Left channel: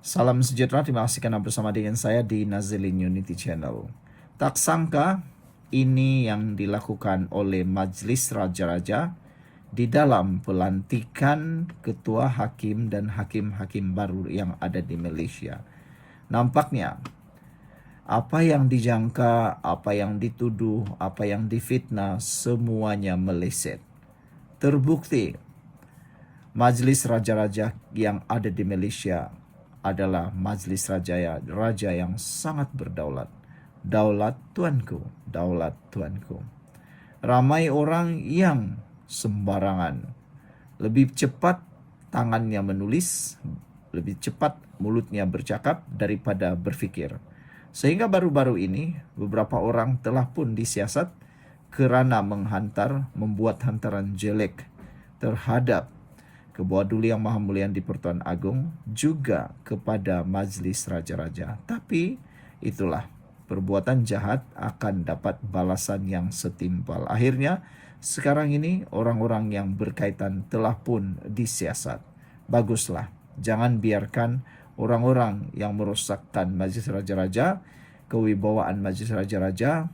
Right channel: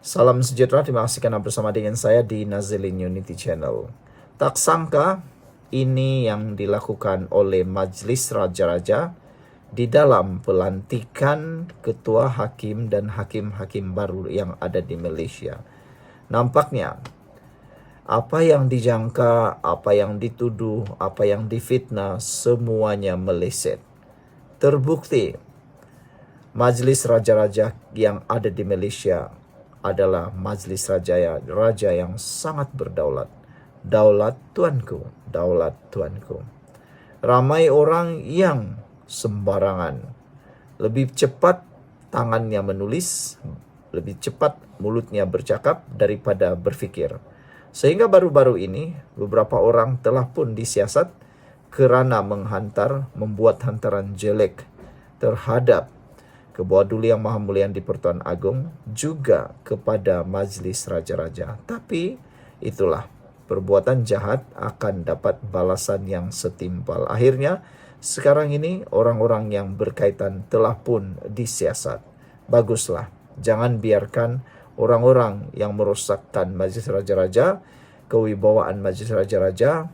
Salam sejahtera, terima kasih karena bersama dengan saya di Nazilin Unity Channel. Tak sangka ini yang dilakukan oleh Majelis Raja-Raja di dalam pelantikan ketua hakim dan hakim-hakim baru yang ada di Malaysia. Nampaknya apa yang dijangka, apa yang dituduh, apa yang difitnah, semuanya meleset. Terbukti Majelis Raja-Raja yang ada di Malaysia adalah Majelis Raja yang sangat berdaulat. Daulat Tuanku, daulat Tuanku. Ramai orang yang sembarangan. Lebih cepat tangannya menulis, lebih cepat mulutnya bercakap daripada berfikir. Sehingga baru-baru ini beberapa orang telah pun disiasat kerana membuat hantaran jelek terhadap Ketua Duli Yang Maha Mulia di Pertuan Agong juga kepada Majlis Raja-Raja. Tapi itulah, perbuatan jahat akan dapat balasan yang setimpal. Akhirnya sekarang ini orang-orang yang berkaitan telah pun disiasat. Baguslah, jangan biarkan orang-orang yang merosakkan Majlis Raja-Raja, kewibawaan Majlis Raja-Raja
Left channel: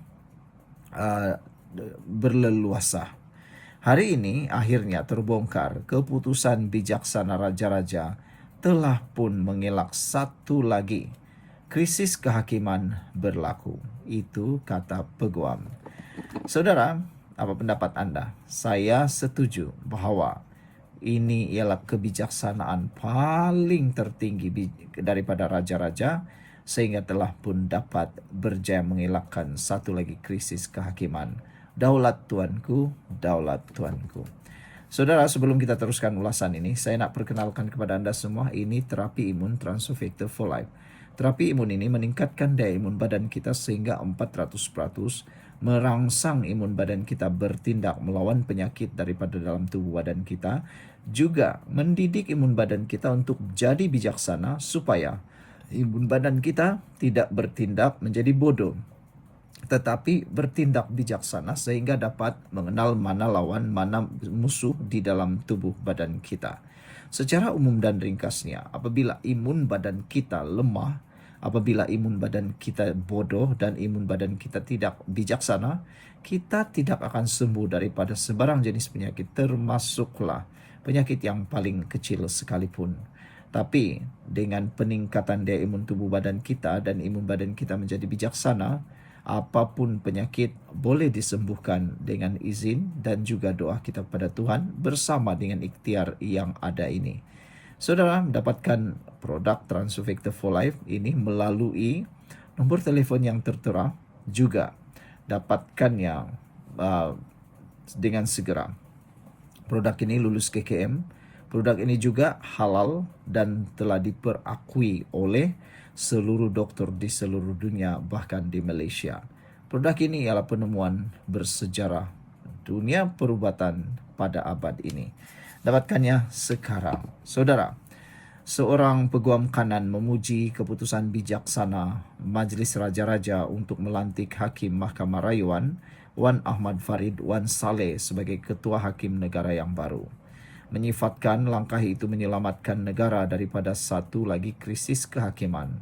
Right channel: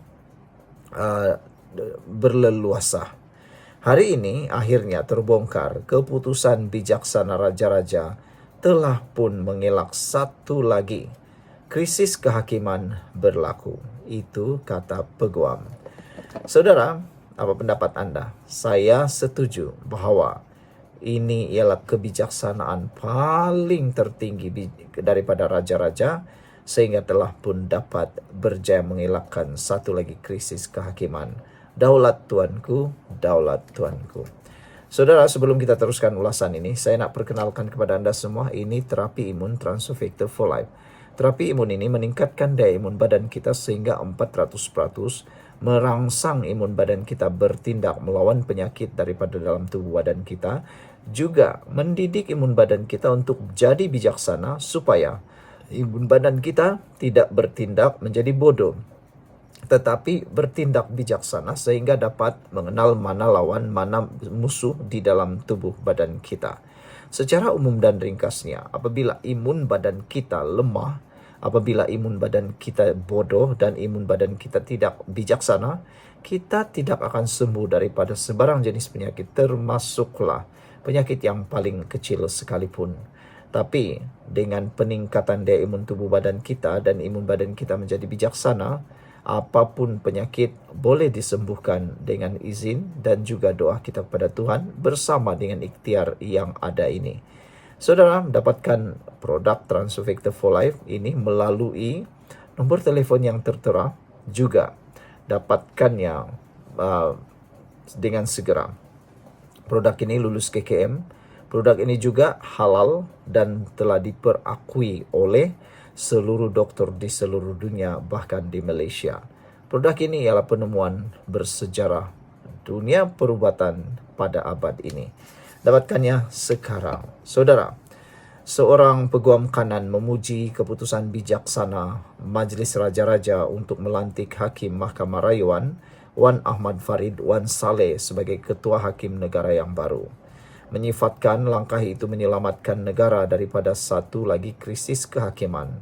berleluasa. Hari ini akhirnya terbongkar keputusan bijaksana Raja-Raja telah pun mengelak satu lagi krisis kehakiman berlaku. Itu kata peguam. Saudara, apa pendapat Anda? Saya setuju bahawa ini ialah kebijaksanaan paling tertinggi daripada Raja-Raja sehingga telah pun dapat berjaya mengelakkan satu lagi krisis kehakiman. Daulat Tuanku, daulat Tuanku. Saudara, sebelum kita teruskan ulasan ini, saya nak perkenalkan kepada anda semua, ini terapi imun Transofector for Life. Terapi imun ini meningkatkan daya imun badan kita sehingga 400%, merangsang imun badan kita bertindak melawan penyakit daripada dalam tubuh badan kita, juga mendidik imun badan kita untuk jadi bijaksana supaya imun badan kita tidak bertindak menjadi bodoh, tetapi bertindak bijaksana sehingga dapat mengenal mana lawan, mana musuh di dalam tubuh badan kita. Secara umum dan ringkasnya, apabila imun badan kita lemah, apabila imun badan kita bodoh dan imun badan kita tidak bijaksana, kita tidak akan sembuh daripada sebarang jenis penyakit, termasuklah penyakit yang paling kecil sekalipun. Tapi dengan peningkatan daya imun tubuh badan kita dan imun badan kita menjadi bijaksana, apapun penyakit boleh disembuhkan dengan izin dan juga doa kita kepada Tuhan bersama dengan ikhtiar yang ada ini. Saudara, dapatkan produk Transofector for Life ini melalui nombor telefon yang tertera, juga dapatkannya dengan segera. Produk ini lulus KKM. Produk ini juga halal dan telah diperakui oleh seluruh doktor di seluruh dunia, bahkan di Malaysia. Produk ini ialah penemuan bersejarah dunia perubatan pada abad ini. Dapatkannya sekarang. Saudara, seorang peguam kanan memuji keputusan bijaksana Majlis Raja-Raja untuk melantik Hakim Mahkamah Rayuan Wan Ahmad Farid Wan Saleh sebagai Ketua Hakim Negara yang baru. Menyifatkan langkah itu menyelamatkan negara daripada satu lagi krisis kehakiman.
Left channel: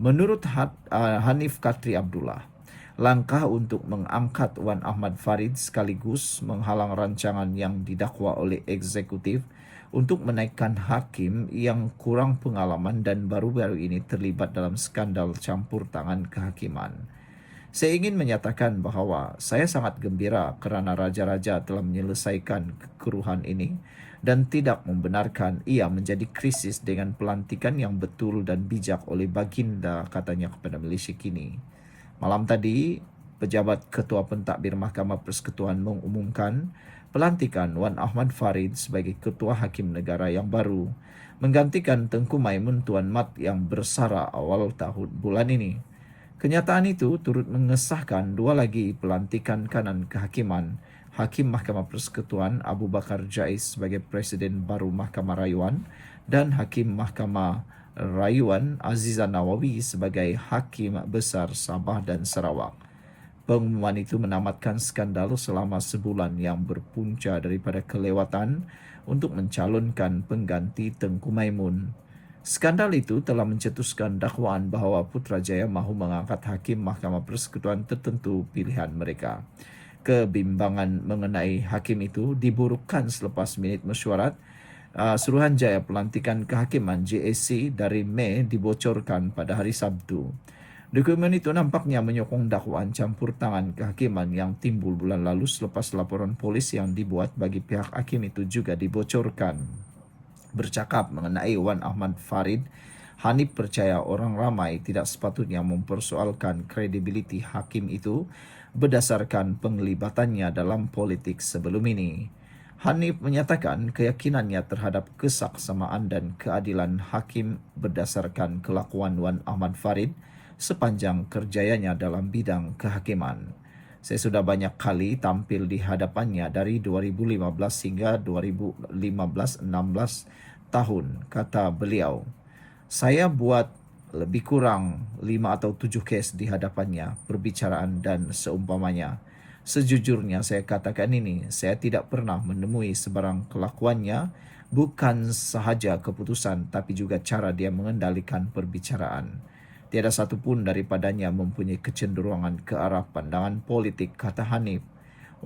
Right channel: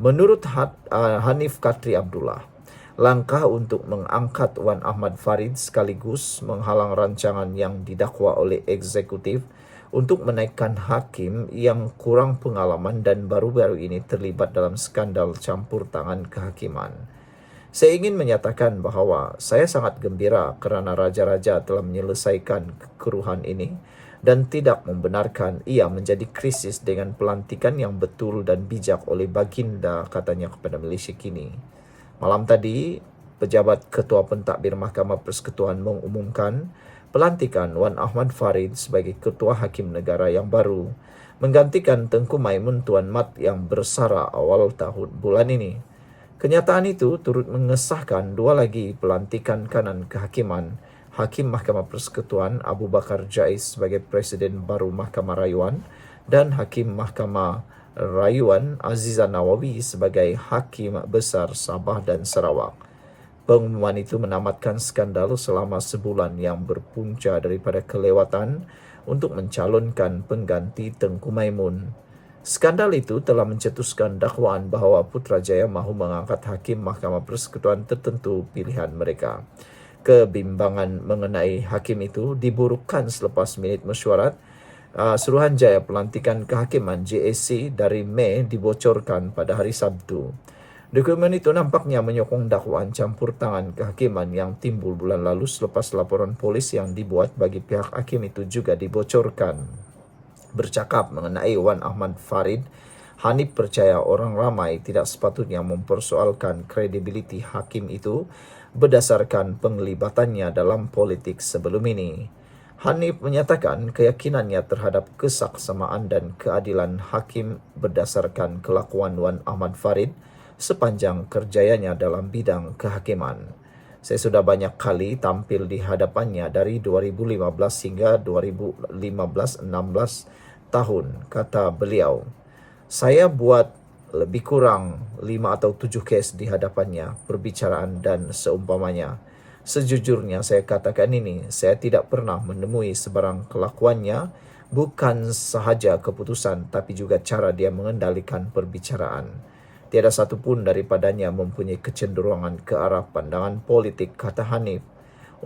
Menurut Hanif Katri Abdullah, langkah untuk mengangkat Wan Ahmad Farid sekaligus menghalang rancangan yang didakwa oleh eksekutif untuk menaikkan hakim yang kurang pengalaman dan baru-baru ini terlibat dalam skandal campur tangan kehakiman. Saya ingin menyatakan bahawa saya sangat gembira kerana Raja-Raja telah menyelesaikan kekeruhan ini dan tidak membenarkan ia menjadi krisis dengan pelantikan yang betul dan bijak oleh baginda, katanya kepada Malaysia kini. Malam tadi, pejabat Ketua Pentadbir Mahkamah Persekutuan mengumumkan pelantikan Wan Ahmad Farid sebagai Ketua Hakim Negara yang baru, menggantikan Tengku Maimun Tuan Mat yang bersara awal tahun bulan ini. Kenyataan itu turut mengesahkan dua lagi pelantikan kanan kehakiman, Hakim Mahkamah Persekutuan Abu Bakar Jais sebagai Presiden baru Mahkamah Rayuan dan Hakim Mahkamah Rayuan Azizah Nawawi sebagai Hakim Besar Sabah dan Sarawak. Pengumuman itu menamatkan skandal selama sebulan yang berpunca daripada kelewatan untuk mencalonkan pengganti Tengku Maimun. Skandal itu telah mencetuskan dakwaan bahawa Putrajaya mahu mengangkat hakim Mahkamah Persekutuan tertentu pilihan mereka. Kebimbangan mengenai hakim itu diburukkan selepas minit mesyuarat. Suruhanjaya pelantikan kehakiman JSC dari Mei dibocorkan pada hari Sabtu. Dokumen itu nampaknya menyokong dakwaan campur tangan kehakiman yang timbul bulan lalu selepas laporan polis yang dibuat bagi pihak hakim itu juga dibocorkan. Bercakap mengenai Wan Ahmad Farid, Hanif percaya orang ramai tidak sepatutnya mempersoalkan kredibiliti hakim itu berdasarkan penglibatannya dalam politik sebelum ini. Hanif menyatakan keyakinannya terhadap kesaksamaan dan keadilan hakim berdasarkan kelakuan Wan Ahmad Farid sepanjang kerjayanya dalam bidang kehakiman. Saya sudah banyak kali tampil di hadapannya dari 2015 hingga 2015-16 tahun, kata beliau. Saya buat lebih kurang 5 atau 7 kes di hadapannya, perbicaraan dan seumpamanya. Sejujurnya saya katakan ini, saya tidak pernah menemui sebarang kelakuannya, bukan sahaja keputusan tapi juga cara dia mengendalikan perbicaraan. Tiada satu pun daripadanya mempunyai kecenderungan ke arah pandangan politik, kata Hanif.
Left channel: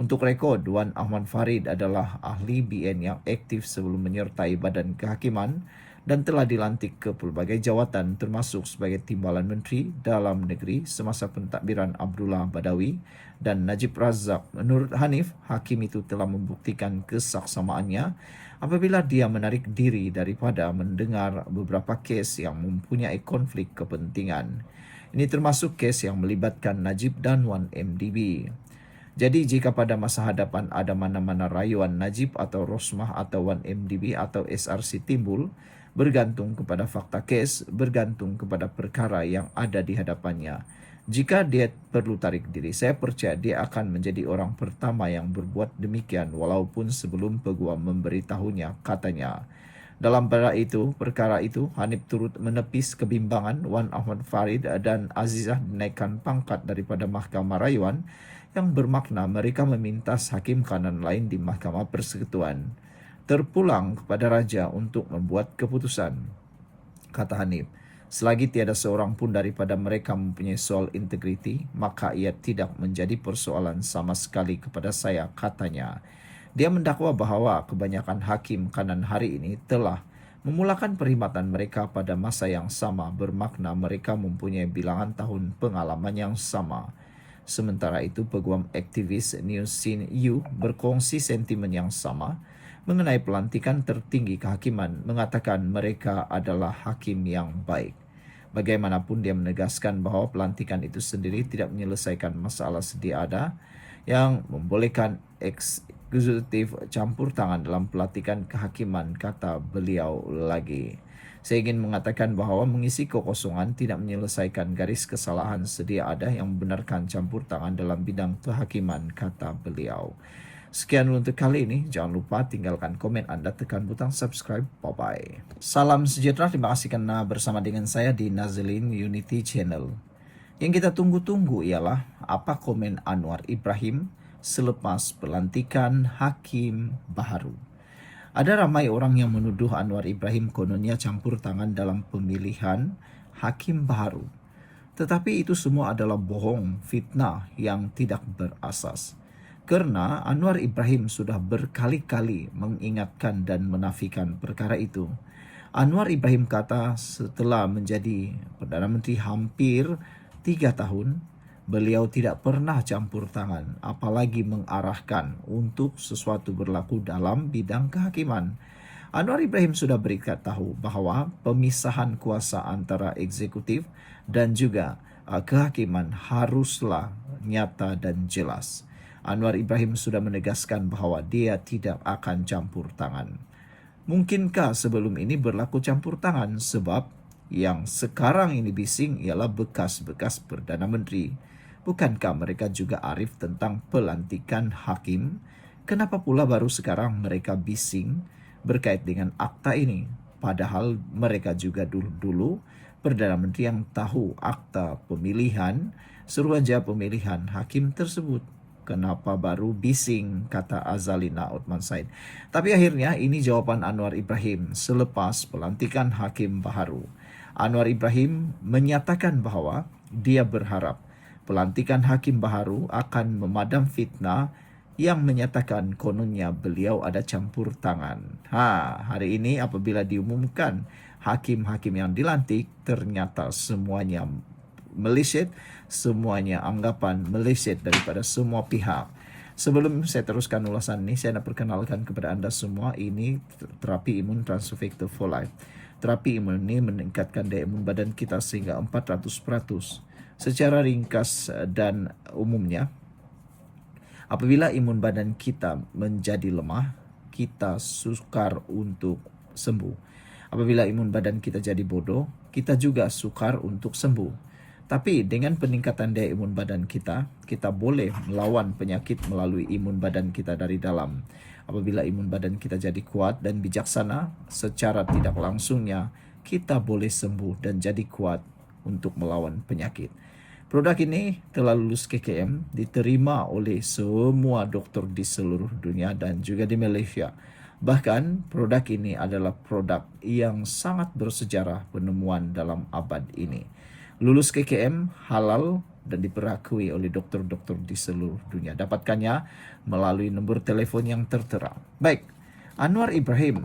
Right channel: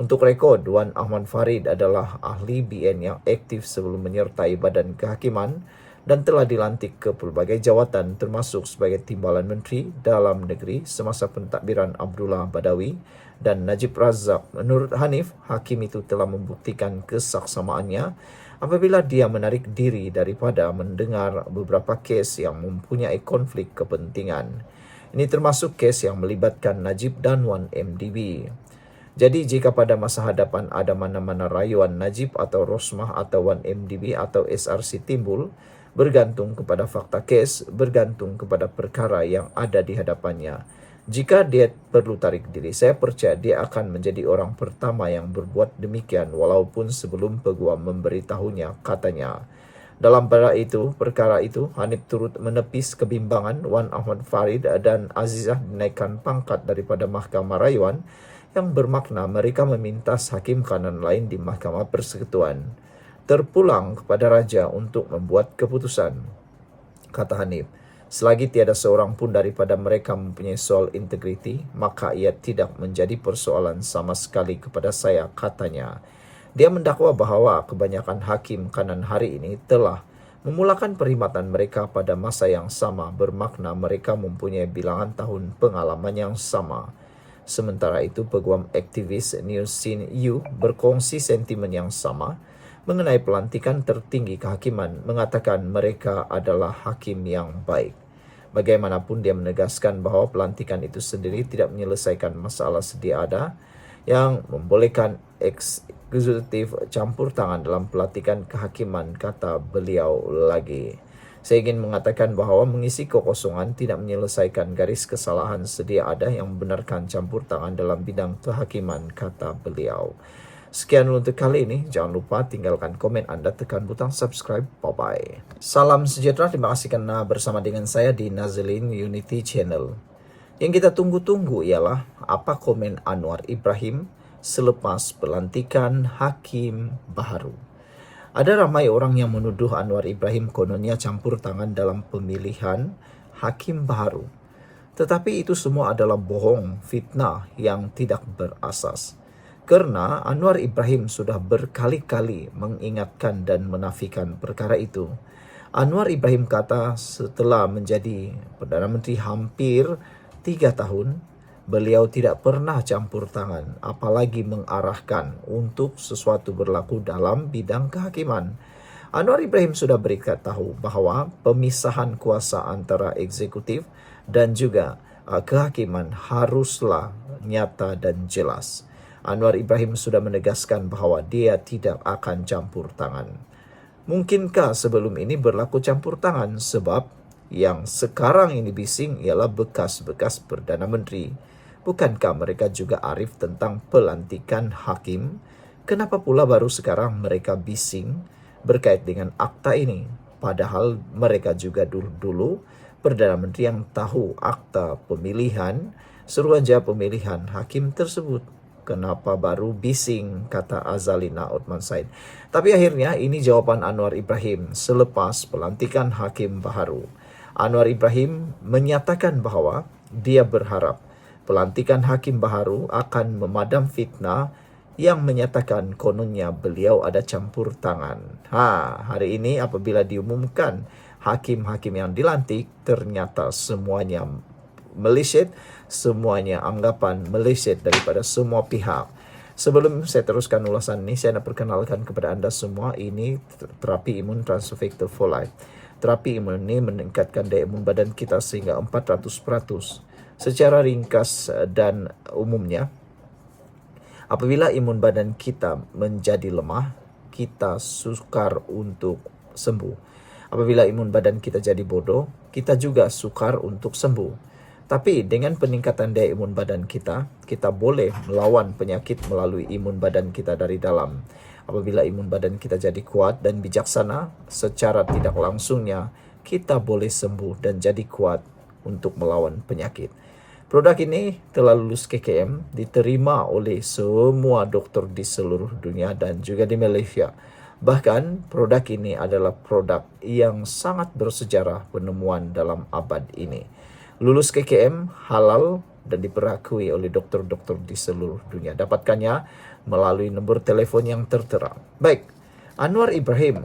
Untuk rekod, Wan Ahmad Farid adalah ahli BN yang aktif sebelum menyertai badan kehakiman dan telah dilantik ke pelbagai jawatan termasuk sebagai Timbalan Menteri Dalam Negeri semasa pentadbiran Abdullah Badawi dan Najib Razak. Menurut Hanif, hakim itu telah membuktikan kesaksamaannya apabila dia menarik diri daripada mendengar beberapa kes yang mempunyai konflik kepentingan. Ini termasuk kes yang melibatkan Najib dan Wan MDB. Jadi jika pada masa hadapan ada mana-mana rayuan Najib atau Rosmah atau Wan MDB atau SRC timbul, bergantung kepada fakta kes, bergantung kepada perkara yang ada di hadapannya. Jika dia perlu tarik diri, saya percaya dia akan menjadi orang pertama yang berbuat demikian walaupun sebelum peguam memberitahunya, katanya. Dalam perkara itu, Hanif turut menepis kebimbangan Wan Ahmad Farid dan Azizah dinaikkan pangkat daripada Mahkamah Rayuan yang bermakna mereka meminta hakim kanan lain di Mahkamah Persekutuan terpulang kepada raja untuk membuat keputusan, kata Hanif. Selagi tiada seorang pun daripada mereka mempunyai soal integriti, maka ia tidak menjadi persoalan sama sekali kepada saya, katanya. Dia mendakwa bahawa kebanyakan hakim kanan hari ini telah memulakan perkhidmatan mereka pada masa yang sama, bermakna mereka mempunyai bilangan tahun pengalaman yang sama. Sementara itu, peguam aktivis News Scene U berkongsi sentimen yang sama mengenai pelantikan tertinggi kehakiman, mengatakan mereka adalah hakim yang baik. Bagaimanapun dia menegaskan bahawa pelantikan itu sendiri tidak menyelesaikan masalah sedia ada yang membolehkan eksekutif campur tangan dalam pelantikan kehakiman, kata beliau lagi. Saya ingin mengatakan bahawa mengisi kekosongan tidak menyelesaikan garis kesalahan sedia ada yang membenarkan campur tangan dalam bidang kehakiman, kata beliau. Sekian untuk kali ini. Jangan lupa tinggalkan komen anda, tekan butang subscribe. Bye-bye. Salam sejahtera. Terima kasih karena bersama dengan saya di Nazilin Unity Channel. Yang kita tunggu-tunggu ialah apa komen Anwar Ibrahim selepas pelantikan hakim baru. Ada ramai orang yang menuduh Anwar Ibrahim kononnya campur tangan dalam pemilihan hakim baru. Tetapi itu semua adalah bohong, fitnah yang tidak berasas. Karena Anwar Ibrahim sudah berkali-kali mengingatkan dan menafikan perkara itu. Anwar Ibrahim kata setelah menjadi Perdana Menteri hampir 3 tahun, beliau tidak pernah campur tangan, apalagi mengarahkan untuk sesuatu berlaku dalam bidang kehakiman. Anwar Ibrahim sudah beritahu bahawa pemisahan kuasa antara eksekutif dan juga kehakiman haruslah nyata dan jelas. Anwar Ibrahim sudah menegaskan bahawa dia tidak akan campur tangan. Mungkinkah sebelum ini berlaku campur tangan? Sebab yang sekarang ini bising ialah bekas-bekas Perdana Menteri. Bukankah mereka juga arif tentang pelantikan hakim? Kenapa pula baru sekarang mereka bising berkait dengan akta ini? Padahal mereka juga dulu Perdana Menteri yang tahu akta pemilihan, suruhanjaya pemilihan hakim tersebut. Kenapa baru bising, kata Azalina Othman Said. Tapi akhirnya ini jawaban Anwar Ibrahim selepas pelantikan hakim baharu. Anwar Ibrahim menyatakan bahwa dia berharap pelantikan hakim baharu akan memadam fitnah yang menyatakan kononnya beliau ada campur tangan. Hari ini apabila diumumkan hakim-hakim yang dilantik, ternyata semuanya meleset, semuanya anggapan meleset daripada semua pihak. Sebelum saya teruskan ulasan ini, saya nak perkenalkan kepada anda semua, ini terapi imun Transfer Factor for Life. Terapi imun ini meningkatkan daya imun badan kita sehingga 400%. Secara ringkas dan umumnya, apabila imun badan kita menjadi lemah, kita sukar untuk sembuh. Apabila imun badan kita jadi bodoh, kita juga sukar untuk sembuh. Tapi dengan peningkatan daya imun badan kita, kita boleh melawan penyakit melalui imun badan kita dari dalam. Apabila imun badan kita jadi kuat dan bijaksana, secara tidak langsungnya kita boleh sembuh dan jadi kuat untuk melawan penyakit. Produk ini telah lulus KKM, diterima oleh semua dokter di seluruh dunia dan juga di Malaysia. Bahkan produk ini adalah produk yang sangat bersejarah penemuan dalam abad ini. Lulus KKM, halal dan diperakui oleh dokter-dokter di seluruh dunia. Dapatkannya melalui nombor telefon yang tertera. Baik, Anwar Ibrahim,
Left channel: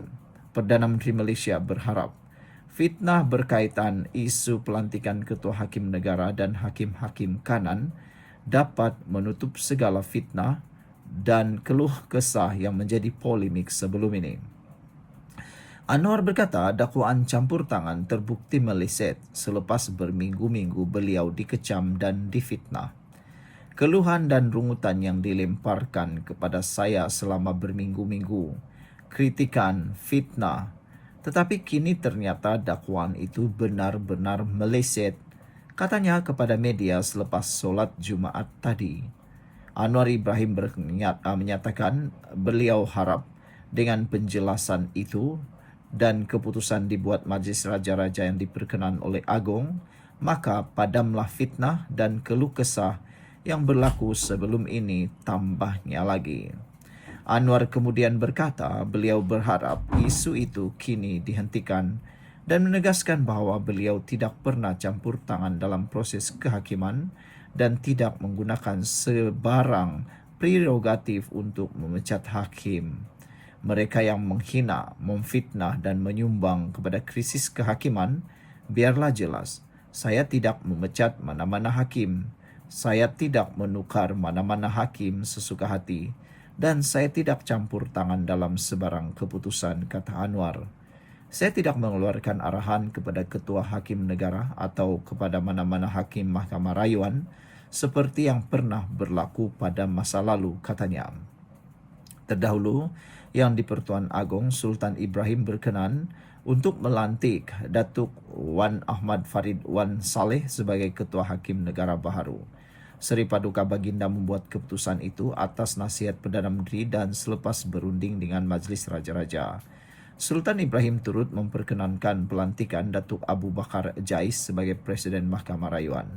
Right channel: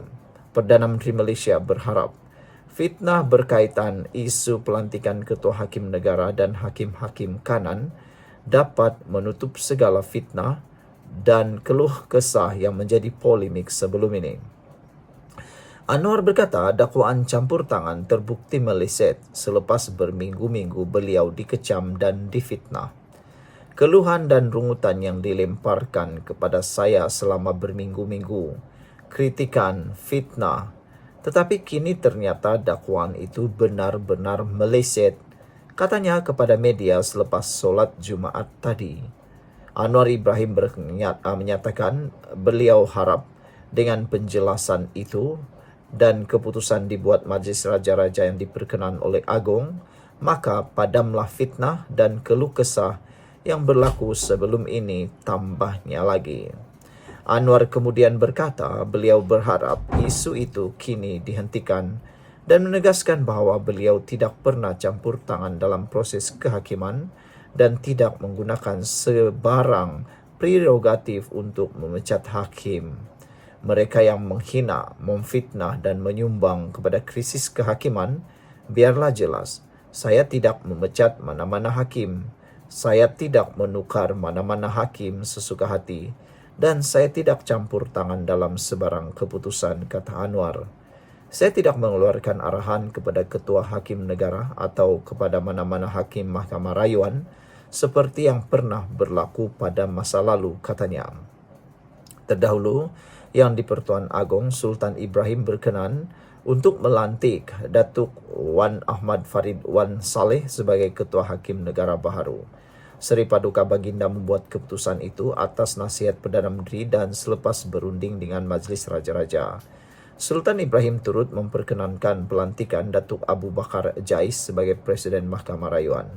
Perdana Menteri Malaysia, berharap fitnah berkaitan isu pelantikan Ketua Hakim Negara dan hakim-hakim kanan dapat menutup segala fitnah dan keluh kesah yang menjadi polemik sebelum ini. Anwar berkata dakwaan campur tangan terbukti meleset selepas berminggu-minggu beliau dikecam dan difitnah. Keluhan dan rungutan yang dilemparkan kepada saya selama berminggu-minggu, kritikan, fitnah, tetapi kini ternyata dakwaan itu benar-benar meleset, katanya kepada media selepas solat Jumaat tadi. Anwar Ibrahim menyatakan beliau harap dengan penjelasan itu dan keputusan dibuat Majlis Raja-Raja yang diperkenan oleh Agong, maka padamlah fitnah dan keluh kesah yang berlaku sebelum ini tambahnya lagi. Anwar kemudian berkata beliau berharap isu itu kini dihentikan dan menegaskan bahawa beliau tidak pernah campur tangan dalam proses kehakiman dan tidak menggunakan sebarang prerogatif untuk memecat hakim. Mereka yang menghina, memfitnah dan menyumbang kepada krisis kehakiman, biarlah jelas, saya tidak memecat mana-mana hakim, saya tidak menukar mana-mana hakim sesuka hati, dan saya tidak campur tangan dalam sebarang keputusan, kata Anwar. Saya tidak mengeluarkan arahan kepada Ketua Hakim Negara atau kepada mana-mana hakim Mahkamah Rayuan seperti yang pernah berlaku pada masa lalu, katanya. Terdahulu, yang di-Pertuan Agong Sultan Ibrahim berkenan untuk melantik Datuk Wan Ahmad Farid Wan Saleh sebagai Ketua Hakim Negara baharu. Seri Paduka Baginda membuat keputusan itu atas nasihat Perdana Menteri dan selepas berunding dengan Majlis Raja-Raja. Sultan Ibrahim turut memperkenankan pelantikan Datuk Abu Bakar Jais sebagai Presiden Mahkamah Rayuan,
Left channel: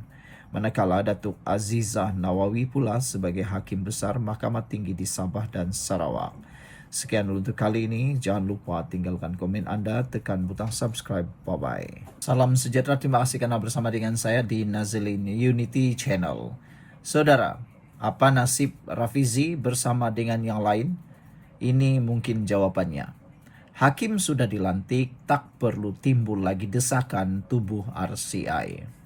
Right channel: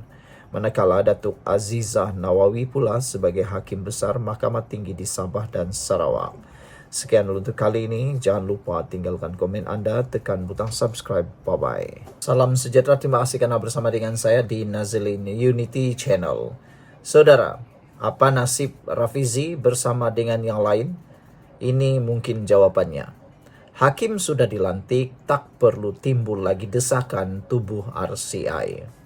manakala Datuk Azizah Nawawi pula sebagai Hakim Besar Mahkamah Tinggi di Sabah dan Sarawak. Sekian untuk kali ini. Jangan lupa tinggalkan komen anda, tekan butang subscribe. Bye-bye. Salam sejahtera. Terima kasih kerana bersama dengan saya di Nazilin Unity Channel. Saudara, apa nasib Rafizi bersama dengan yang lain? Ini mungkin jawabannya. Hakim sudah dilantik, tak perlu timbul lagi desakan tubuh RCI.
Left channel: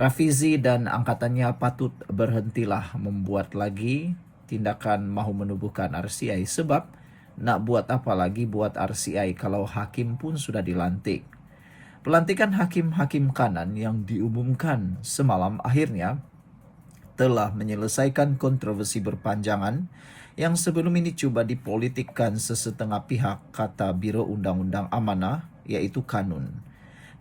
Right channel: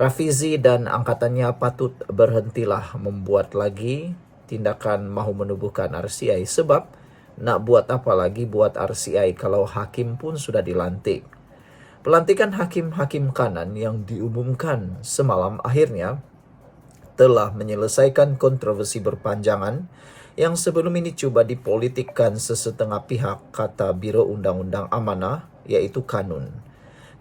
Rafizi dan angkatannya patut berhentilah membuat lagi tindakan mahu menubuhkan RCI, sebab nak buat apa lagi buat RCI kalau hakim pun sudah dilantik. Pelantikan hakim-hakim kanan yang diumumkan semalam akhirnya telah menyelesaikan kontroversi berpanjangan yang sebelum ini cuba dipolitikkan sesetengah pihak, kata Biro Undang-Undang Amanah, iaitu Kanun.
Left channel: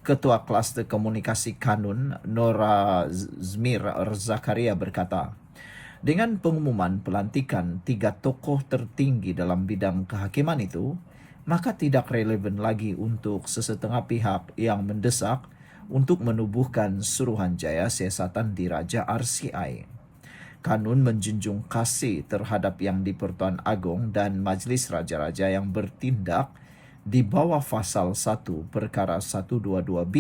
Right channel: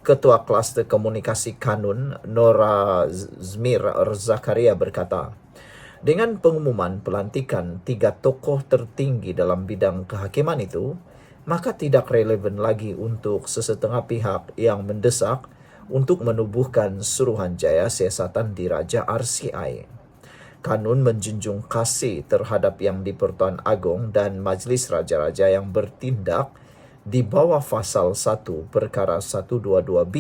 Ketua Kluster Komunikasi Kanun, Nora Zmir Zakaria berkata, dengan pengumuman pelantikan 3 tokoh tertinggi dalam bidang kehakiman itu, maka tidak relevan lagi untuk sesetengah pihak yang mendesak untuk menubuhkan Suruhanjaya Siasatan Diraja RCI. Kanun menjunjung kasih terhadap Yang di-Pertuan Agong dan Majlis Raja-Raja yang bertindak di bawah pasal 1 perkara 122B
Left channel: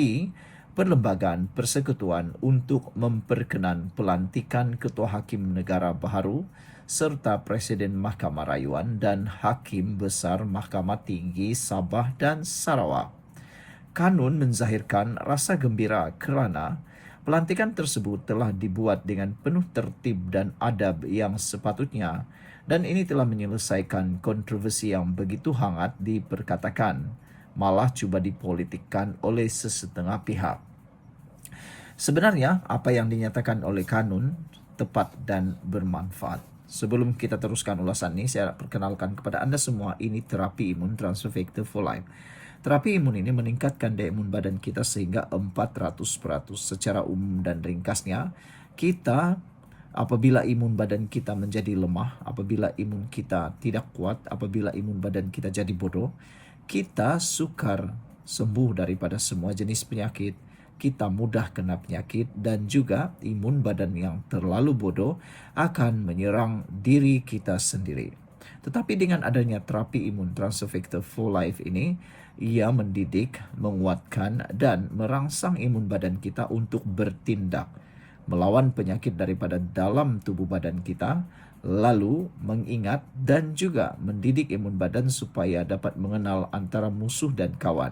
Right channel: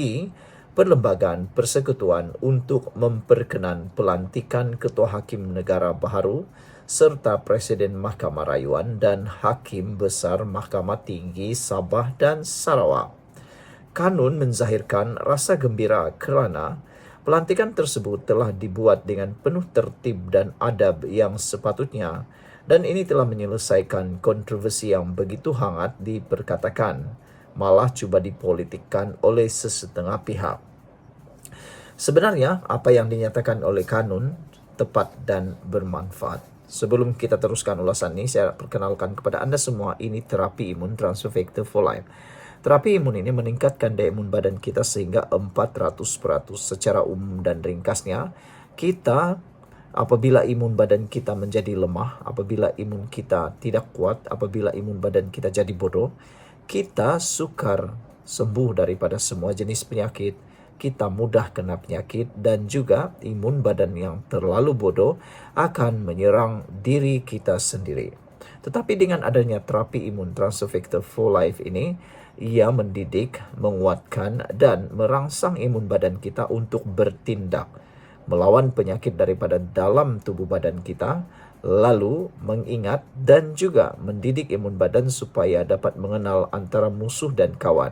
Perlembagaan Persekutuan untuk memperkenan pelantikan Ketua Hakim Negara baharu serta Presiden Mahkamah Rayuan dan Hakim Besar Mahkamah Tinggi Sabah dan Sarawak. Kanun menzahirkan rasa gembira kerana pelantikan tersebut telah dibuat dengan penuh tertib dan adab yang sepatutnya dan ini telah menyelesaikan kontroversi yang begitu hangat diperkatakan, malah cuba dipolitikkan oleh sesetengah pihak. Sebenarnya, apa yang dinyatakan oleh Kanun tepat dan bermanfaat. Sebelum kita teruskan ulasan ini, saya perkenalkan kepada Anda semua, ini terapi imun Transfer Factor for Life. Terapi imun ini meningkatkan daya imun badan kita sehingga 400%. Secara umum dan ringkasnya, kita apabila imun badan kita menjadi lemah, apabila imun kita tidak kuat, apabila imun badan kita jadi bodoh, kita sukar sembuh daripada semua jenis penyakit, kita mudah kena penyakit dan juga imun badan yang terlalu bodoh akan menyerang diri kita sendiri. Tetapi dengan adanya terapi imun Transfer Factor for Life ini, ia mendidik, menguatkan dan merangsang imun badan kita untuk bertindak melawan penyakit daripada dalam tubuh badan kita, lalu mengingat dan juga mendidik imun badan supaya dapat mengenal antara musuh dan kawan.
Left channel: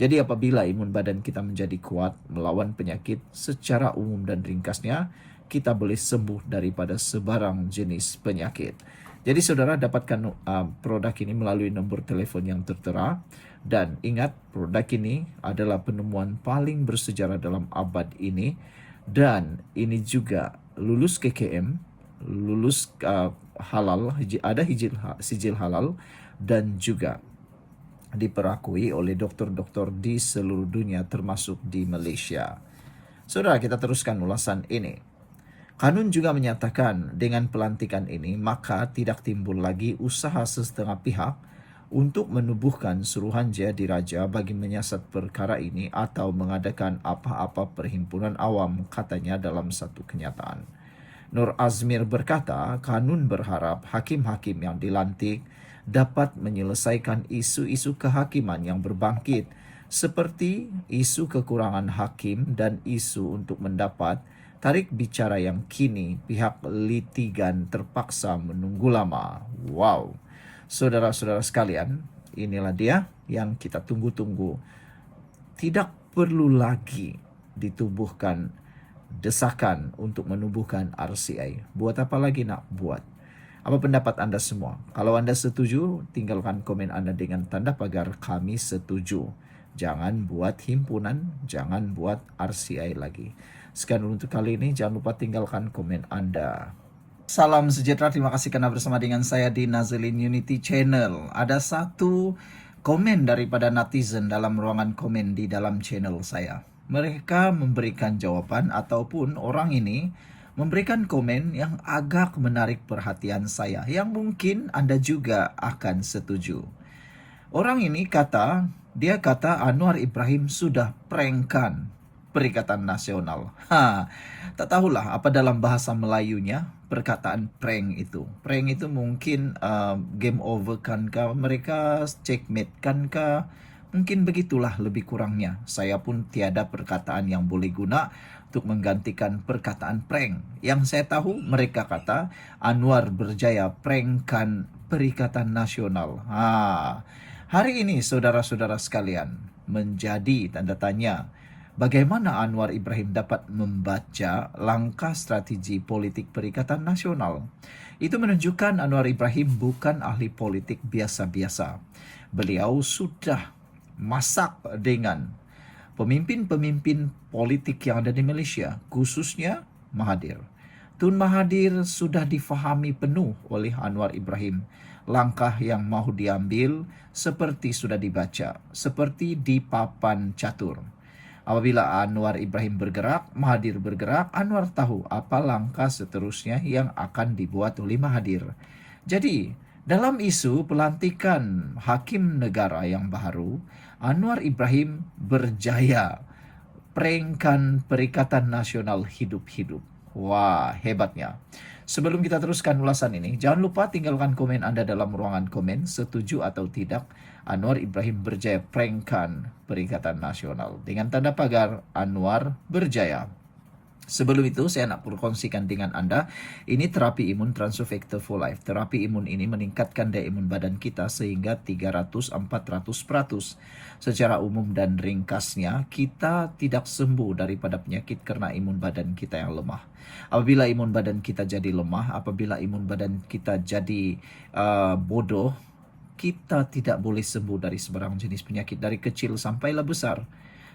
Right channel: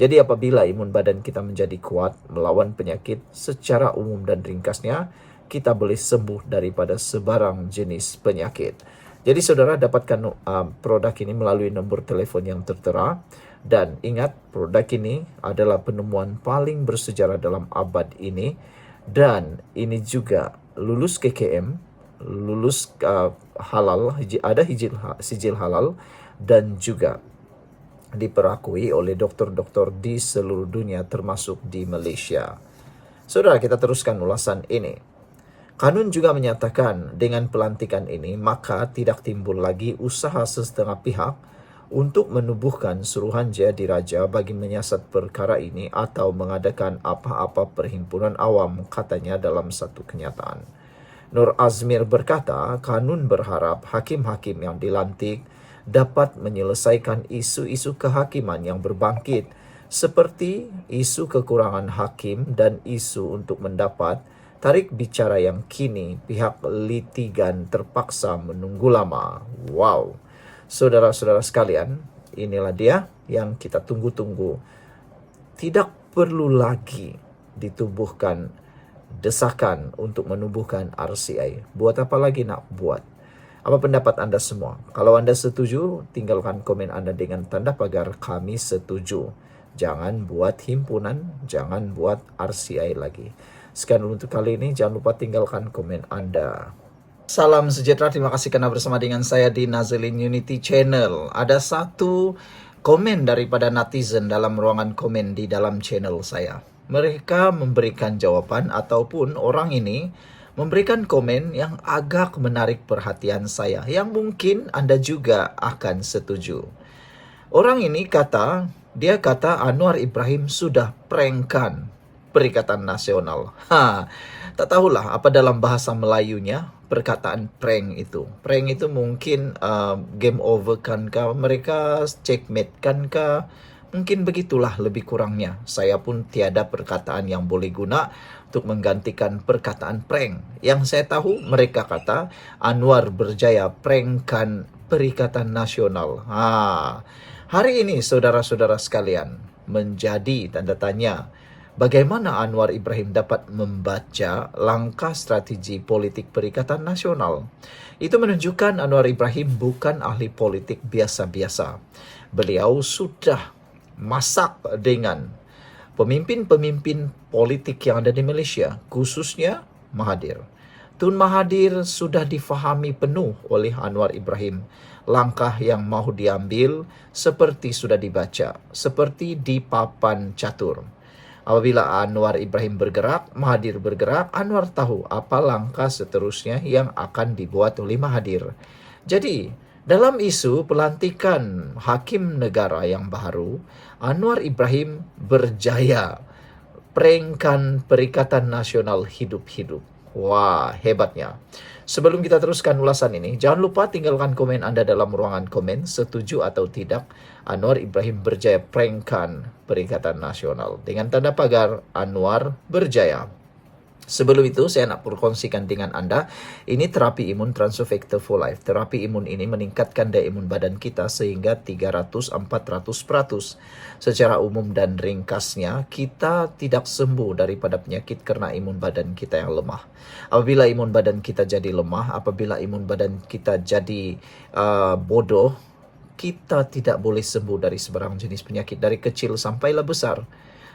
Jadi apabila imun badan kita menjadi kuat melawan penyakit, secara umum dan ringkasnya, kita boleh sembuh daripada sebarang jenis penyakit. Jadi saudara dapatkan produk ini melalui nombor telefon yang tertera. Dan ingat, produk ini adalah penemuan paling bersejarah dalam abad ini. Dan ini juga lulus KKM, lulus halal, ada sijil halal dan juga diperakui oleh dokter-dokter di seluruh dunia termasuk di Malaysia. Saudara, kita teruskan ulasan ini. Kanun juga menyatakan dengan pelantikan ini maka tidak timbul lagi usaha sesetengah pihak untuk menubuhkan Suruhanjaya Diraja bagi menyiasat perkara ini atau mengadakan apa-apa perhimpunan awam, katanya dalam satu kenyataan. Nur Azmir berkata, Kanun berharap hakim-hakim yang dilantik dapat menyelesaikan isu-isu kehakiman yang berbangkit seperti isu kekurangan hakim dan isu untuk mendapat tarik bicara yang kini pihak litigan terpaksa menunggu lama. Wow. Saudara-saudara sekalian, inilah dia yang kita tunggu-tunggu. Tidak perlu lagi ditubuhkan desakan untuk menubuhkan RCI. Buat apa lagi nak buat? Apa pendapat Anda semua? Kalau Anda setuju, tinggalkan komen Anda dengan tanda pagar kami setuju. Jangan buat himpunan, jangan buat RCI lagi. Sekian untuk kali ini, jangan lupa tinggalkan komen Anda. Salam sejahtera, terima kasih karena bersama dengan saya di Nazilin Unity Channel. Ada satu komen daripada netizen dalam ruangan komen di dalam channel saya. Mereka memberikan jawaban ataupun orang ini memberikan komen yang agak menarik perhatian saya, yang mungkin Anda juga akan setuju. Orang ini dia kata Anwar Ibrahim sudah prankkan Perikatan Nasional. Tak tahulah apa dalam bahasa Melayunya perkataan prank itu. Prank itu mungkin game over kan kah, mereka checkmate kan kah, mungkin begitulah lebih kurangnya. Saya pun tiada perkataan yang boleh guna untuk menggantikan perkataan prank. Yang saya tahu mereka kata Anwar berjaya prankkan Perikatan Nasional. Hari ini saudara-saudara sekalian menjadi tanda tanya. Bagaimana Anwar Ibrahim dapat membaca langkah strategi politik Perikatan Nasional? Itu menunjukkan Anwar Ibrahim bukan ahli politik biasa-biasa. Beliau sudah masak dengan pemimpin-pemimpin politik yang ada di Malaysia, khususnya Mahathir. Tun Mahathir sudah difahami penuh oleh Anwar Ibrahim. Langkah yang mahu diambil seperti sudah dibaca, seperti di papan catur. Apabila Anwar Ibrahim bergerak, Mahathir bergerak, Anwar tahu apa langkah seterusnya yang akan dibuat oleh Mahathir. Jadi, dalam isu pelantikan hakim negara yang baru, Anwar Ibrahim berjaya prankkan Perikatan Nasional hidup-hidup. Wah, hebatnya. Sebelum kita teruskan ulasan ini, jangan lupa tinggalkan komen Anda dalam ruangan komen, setuju atau tidak Anwar Ibrahim berjaya prankkan Perikatan Nasional. Dengan tanda pagar Anwar berjaya. Sebelum itu, saya nak berkongsikan dengan Anda, ini terapi imun Transofector for Life. Terapi imun ini meningkatkan daya imun badan kita sehingga 300-400%. Secara umum dan ringkasnya, kita tidak sembuh daripada penyakit karena imun badan kita yang lemah. Apabila imun badan kita jadi lemah, apabila imun badan kita jadi bodoh, kita tidak boleh sembuh dari sebarang jenis penyakit dari kecil sampailah besar.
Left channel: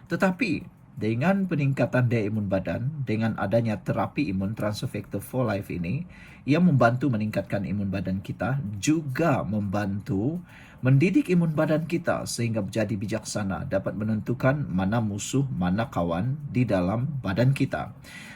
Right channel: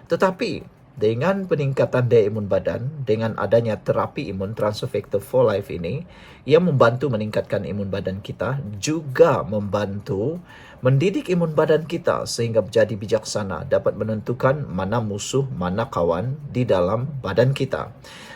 Tetapi dengan peningkatan daya imun badan, dengan adanya terapi imun Transofector for Life ini, yang membantu meningkatkan imun badan kita, juga membantu mendidik imun badan kita sehingga menjadi bijaksana, dapat menentukan mana musuh, mana kawan di dalam badan kita.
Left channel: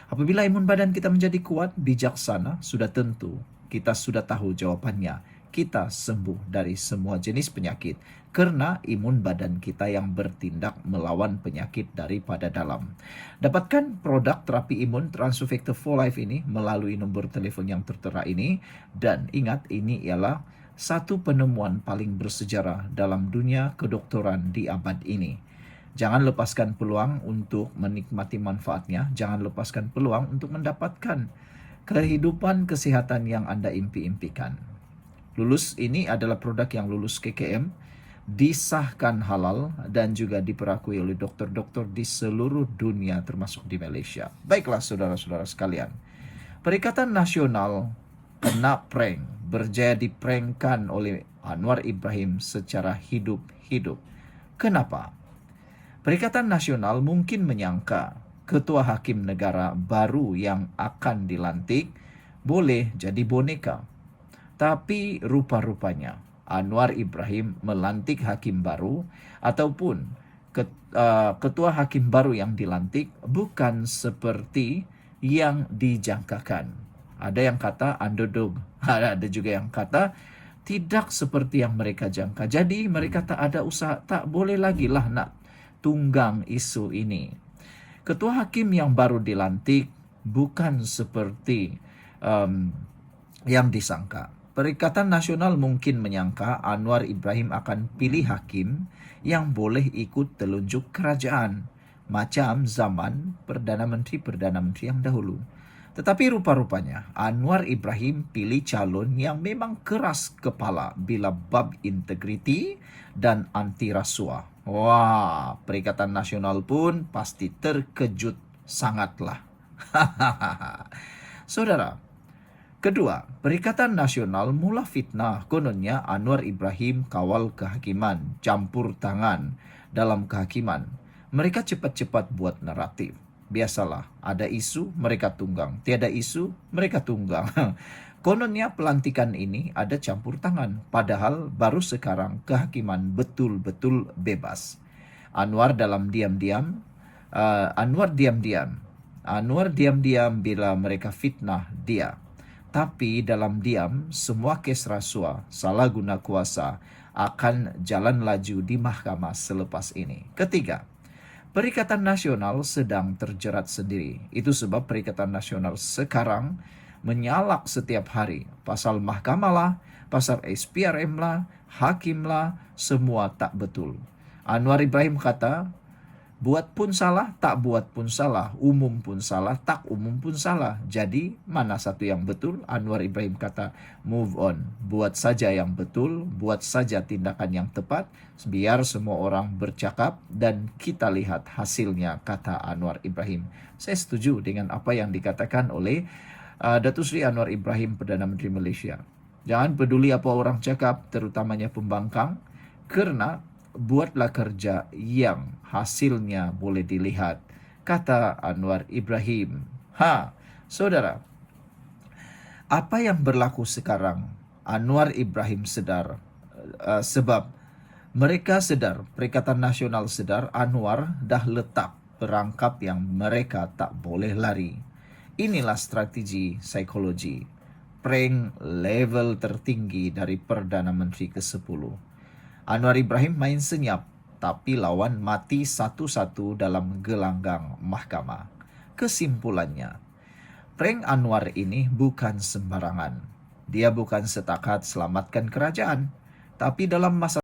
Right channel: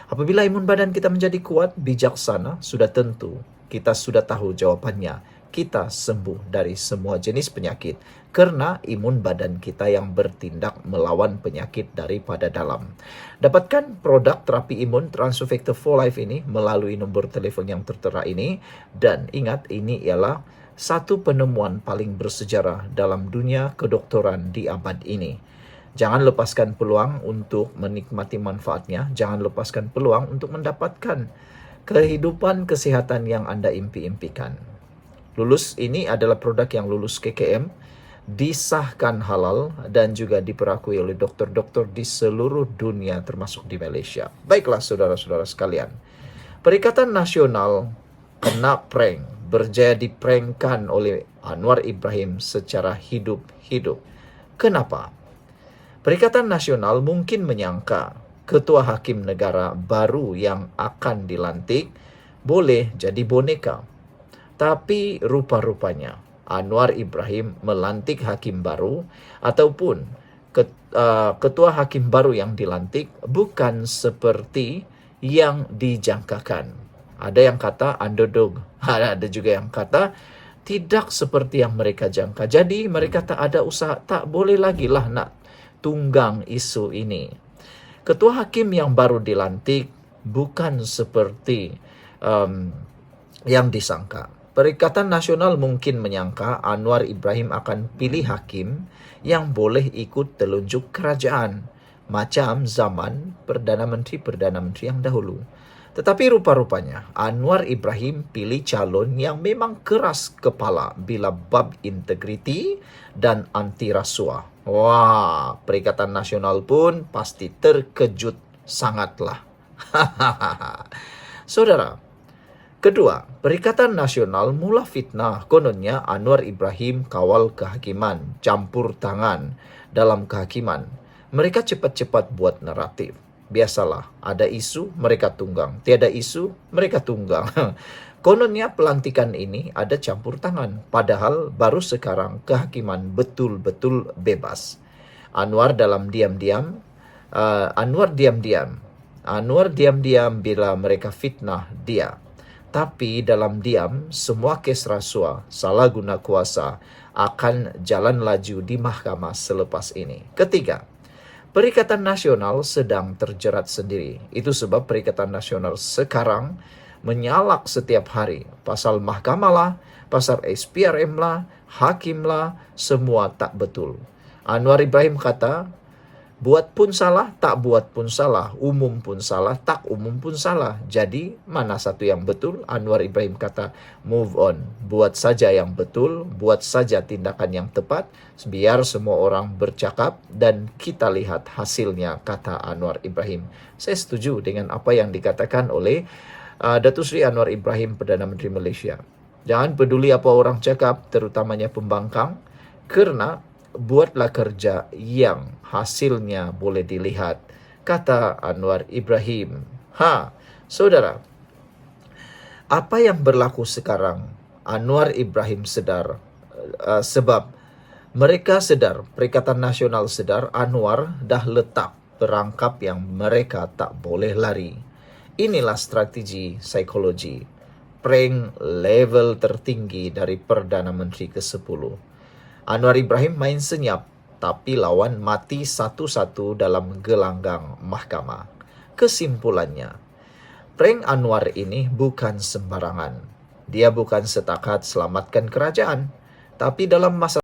Apabila imun badan kita menjadi kuat, bijaksana, sudah tentu kita sudah tahu jawabannya. Kita sembuh dari semua jenis penyakit karena imun badan kita yang bertindak melawan penyakit daripada dalam. Dapatkan produk terapi imun Transofector for Life ini melalui nombor telefon yang tertera ini, dan ingat, ini ialah satu penemuan paling bersejarah dalam dunia kedokteran di abad ini. Jangan lepaskan peluang untuk menikmati manfaatnya, jangan lepaskan peluang untuk mendapatkan kehidupan kesehatan yang Anda impi-impikan. Lulus ini adalah produk yang lulus KKM, disahkan halal, dan juga diperakui oleh dokter-dokter di seluruh dunia termasuk di Malaysia. Baiklah saudara-saudara sekalian, Perikatan Nasional kena prank, berjaya diprankkan oleh Anwar Ibrahim secara hidup-hidup. Kenapa? Perikatan Nasional mungkin menyangka ketua hakim negara baru yang akan dilantik boleh jadi boneka. Tapi rupa-rupanya Anwar Ibrahim melantik hakim baru ataupun ketua hakim baru yang dilantik bukan seperti yang dijangkakan. Ada yang kata underdog, ada juga yang kata tidak seperti yang mereka jangka. Jadi mereka tak ada usaha, tak boleh lagi lah nak tunggang isu ini. Ketua hakim yang baru dilantik bukan seperti yang disangka. Perikatan Nasional mungkin menyangka Anwar Ibrahim akan pilih hakim yang boleh ikut telunjuk kerajaan, macam zaman Perdana Menteri yang dahulu. Tetapi rupa-rupanya Anwar Ibrahim pilih calon yang memang keras kepala bila bab integriti dan anti rasuah. Wah, Perikatan Nasional pun pasti terkejut sangatlah. Saudara, kedua, Perikatan Nasional mula fitnah kononnya Anwar Ibrahim kawal kehakiman, campur tangan dalam kehakiman. Mereka cepat-cepat buat naratif. Biasalah, ada isu mereka tunggang, tiada isu mereka tunggang. Kononnya pelantikan ini ada campur tangan, padahal baru sekarang kehakiman betul-betul bebas. Anwar diam-diam bila mereka fitnah dia. Tapi dalam diam, semua kes rasuah, salah guna kuasa akan jalan laju di mahkamah selepas ini. Ketiga, Perikatan Nasional sedang terjerat sendiri. Itu sebab Perikatan Nasional sekarang menyalak setiap hari. Pasal mahkamah lah, pasal SPRM lah, hakim lah, semua tak betul. Anwar Ibrahim kata, buat pun salah, tak buat pun salah. Umum pun salah, tak umum pun salah. Jadi, mana satu yang betul? Anwar Ibrahim kata, move on. Buat saja yang betul, buat saja tindakan yang tepat. Biar semua orang bercakap dan kita lihat hasilnya, kata Anwar Ibrahim. Saya setuju dengan apa yang dikatakan oleh Datuk Seri Anwar Ibrahim, Perdana Menteri Malaysia. Jangan peduli apa orang cakap, terutamanya pembangkang, kerana buatlah kerja yang hasilnya boleh dilihat, kata Anwar Ibrahim. Saudara, apa yang berlaku sekarang, Anwar Ibrahim sedar, sebab mereka sedar, Perikatan Nasional sedar, Anwar dah letak perangkap yang mereka tak boleh lari. Inilah strategi psikologi, prank level tertinggi dari Perdana Menteri ke-10. Anwar Ibrahim main senyap, tapi lawan mati satu-satu dalam gelanggang mahkamah. Kesimpulannya, Prank Anwar ini bukan sembarangan. Dia bukan setakat selamatkan kerajaan, tapi dalam masa